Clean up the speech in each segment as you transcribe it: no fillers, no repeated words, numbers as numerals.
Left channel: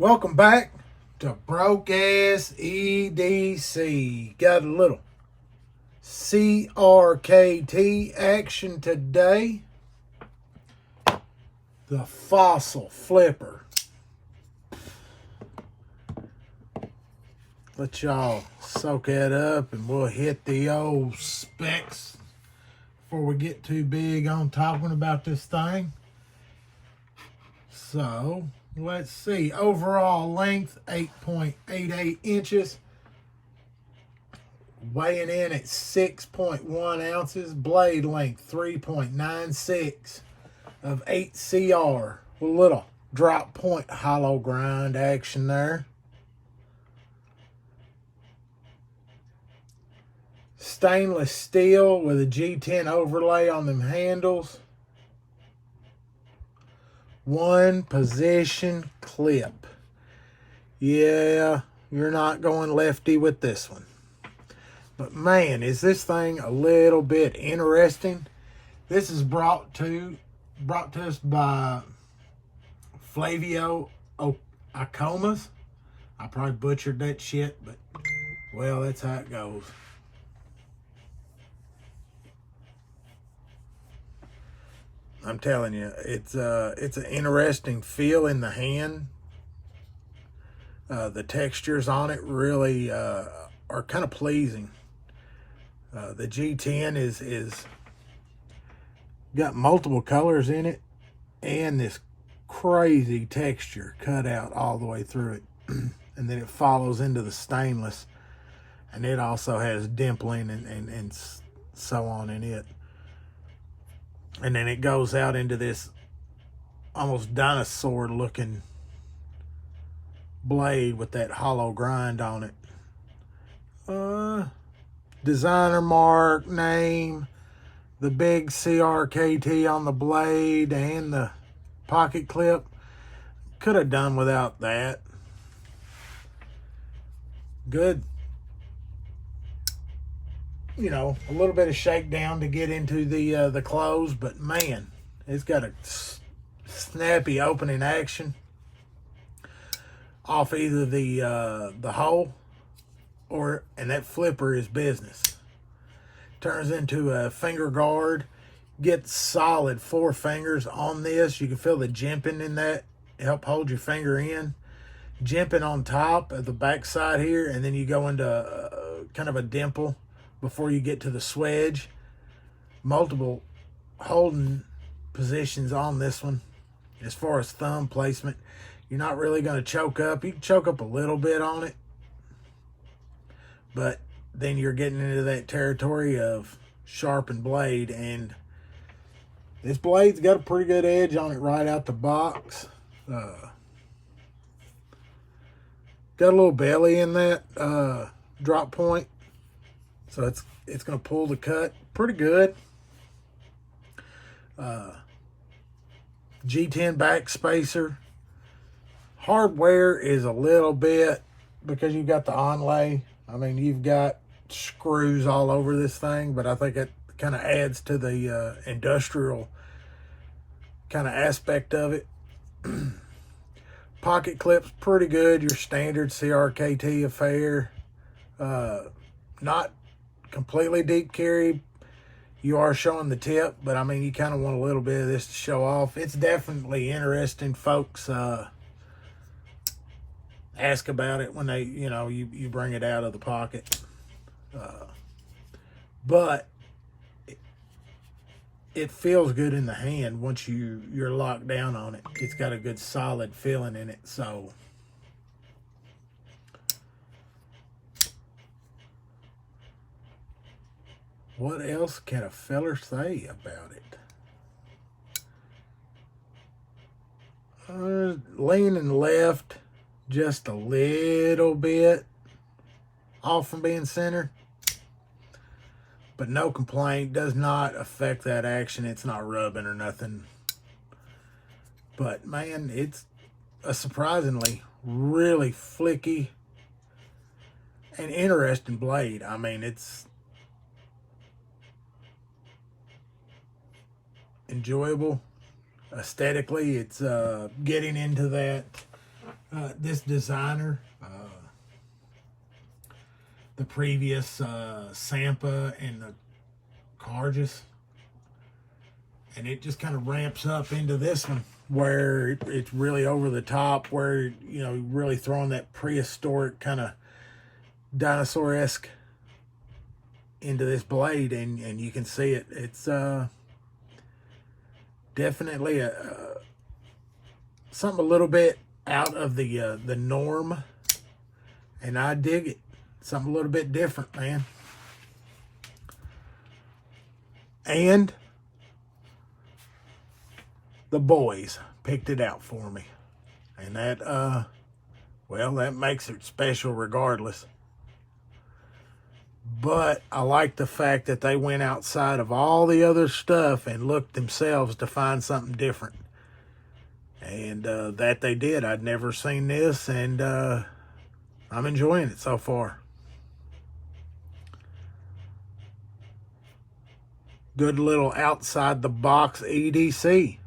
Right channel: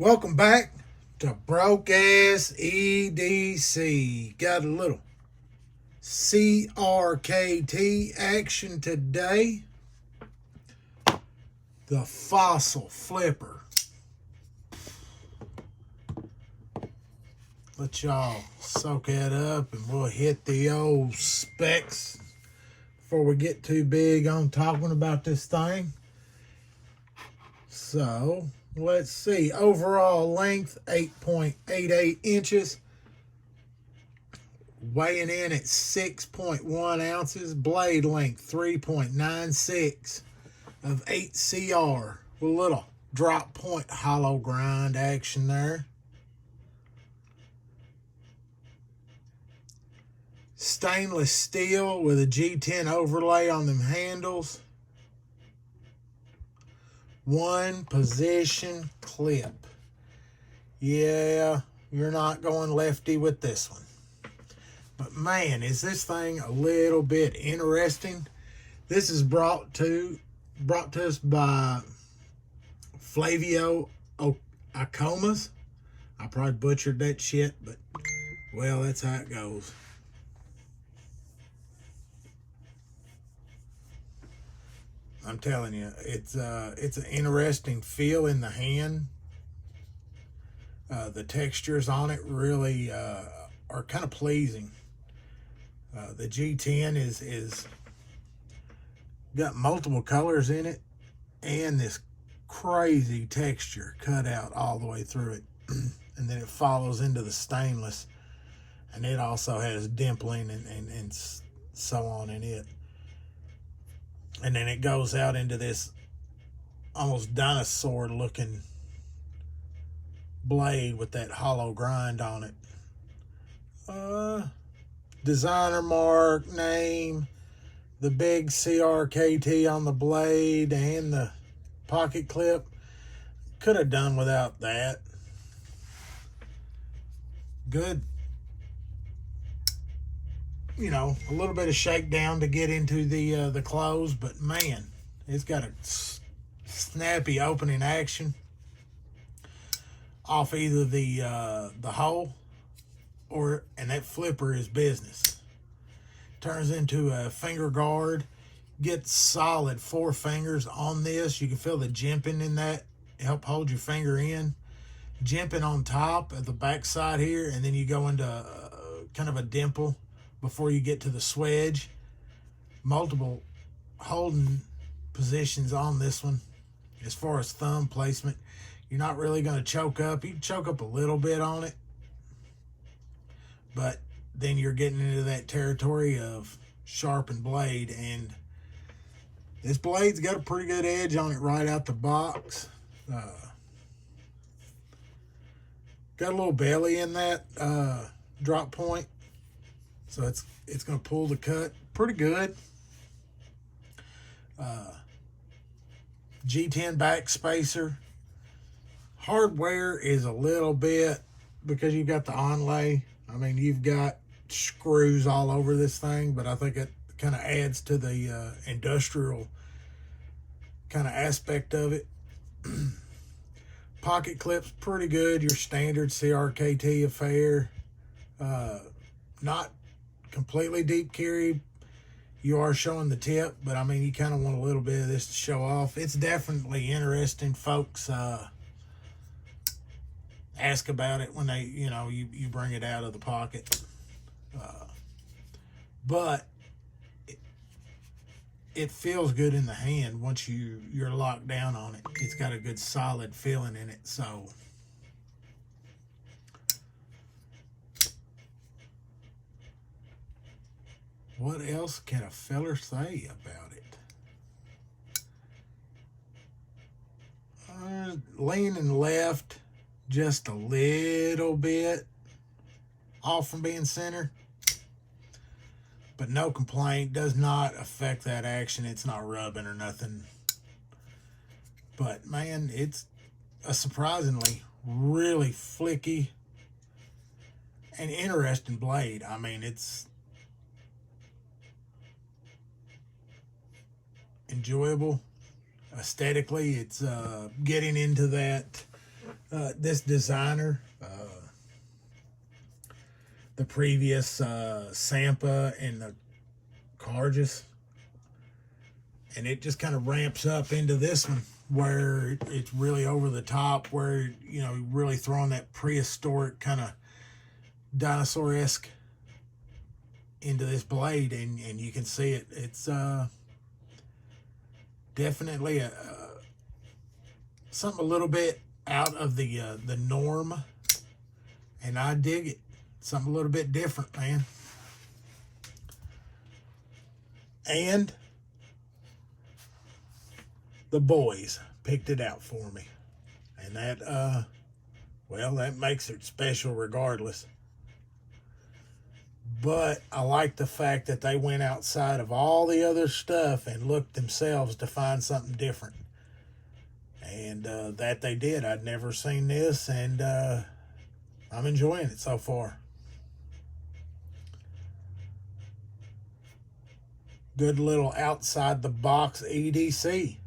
Welcome back to Broke Ass EDC. Got a little CRKT action today. The fossil flipper. Let y'all soak that up and we'll hit the old specs before we get too big on talking about this thing. So, let's see. Overall length, 8.88 inches. Weighing in at 6.1 ounces. Blade length, 3.96 of 8 CR. Little drop point hollow grind action there. Stainless steel with a G10 overlay on them handles. One position clip. Yeah, you're not going lefty with this one. But man, is this thing a little bit interesting. This is brought to us by Flavio Ikoma. I probably butchered that shit, but well, that's how it goes. I'm telling you, it's an interesting feel in the hand. The textures on it really are kind of pleasing. The G10 is got multiple colors in it, and this crazy texture cut out all the way through it, and then it follows into the stainless, and it also has dimpling and so on in it. And then it goes out into this almost dinosaur looking blade with that hollow grind on it. Designer mark, name, the big CRKT on the blade and the pocket clip. Could have done without that. Good. You know, a little bit of shakedown to get into the clothes, but man, it's got a snappy opening action off either the hole and that flipper is business. Turns into a finger guard. Get solid 4 fingers on this. You can feel the jimping in that. Help hold your finger in. Jimping on top of the back side here, and then you go into kind of a dimple before you get to the swedge. Multiple holding positions on this one. As far as thumb placement, you're not really going to choke up. You can choke up a little bit on it, but then you're getting into that territory of sharpened blade, and this blade's got a pretty good edge on it right out the box. Got a little belly in that drop point, so it's going to pull the cut pretty good. G10 back spacer. Hardware is a little bit, because you've got the onlay. I mean, you've got screws all over this thing, but I think it kind of adds to the industrial kind of aspect of it. Pocket clip's pretty good, your standard CRKT affair. Not completely deep carry. You are showing the tip, but I mean, you kind of want a little bit of this to show off. It's definitely interesting. Folks ask about it when they, you bring it out of the pocket. But it feels good in the hand once you're locked down on it. It's got a good solid feeling in it. So what else can a feller say about it? Leaning left just a little bit off from being centered, but no complaint. Does not affect that action. It's not rubbing or nothing. But man, it's a surprisingly really flicky and interesting blade. I mean, it's enjoyable aesthetically. It's getting into that This designer, the previous Sampa and the Carajas, and it just kind of ramps up into this one where it's really over the top, where, you know, really throwing that prehistoric kind of dinosaur-esque into this blade, and you can see it. It's definitely something a little bit out of the norm, and I dig it. Something a little bit different, man. And the boys picked it out for me, and that well, that makes it special regardless. But I like the fact that they went outside of all the other stuff and looked themselves to find something different. And that they did. I'd never seen this, and I'm enjoying it so far. Good little outside the box EDC.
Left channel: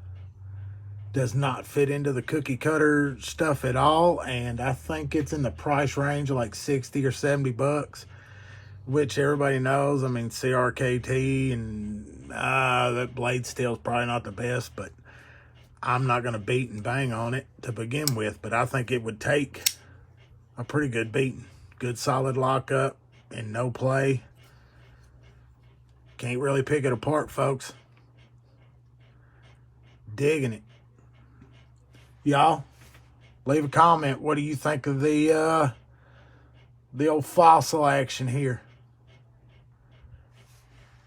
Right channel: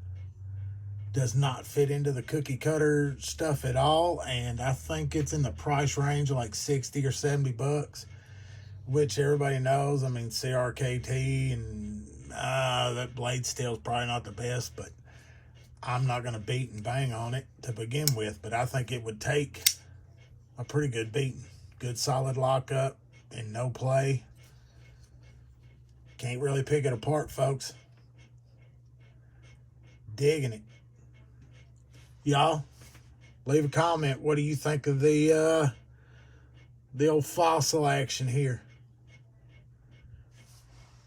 Does not fit into the cookie cutter stuff at all, and I think it's in the price range of like 60 or 70 bucks, which everybody knows. I mean, CRKT, and that blade steel is probably not the best, but I'm not going to beat and bang on it to begin with, but I think it would take a pretty good beating. Good solid lockup and no play. Can't really pick it apart, folks. Digging it. Y'all, leave a comment. What do you think of the old fossil action here?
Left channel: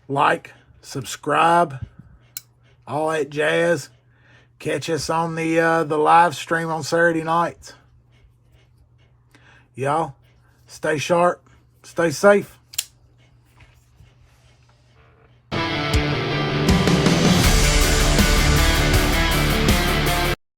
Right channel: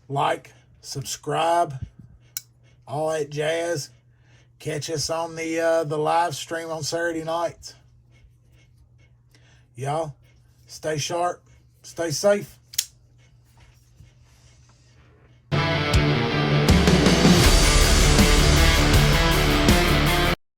Like, subscribe, all that jazz. Catch us on the live stream on Saturday nights. Y'all, stay sharp, stay safe.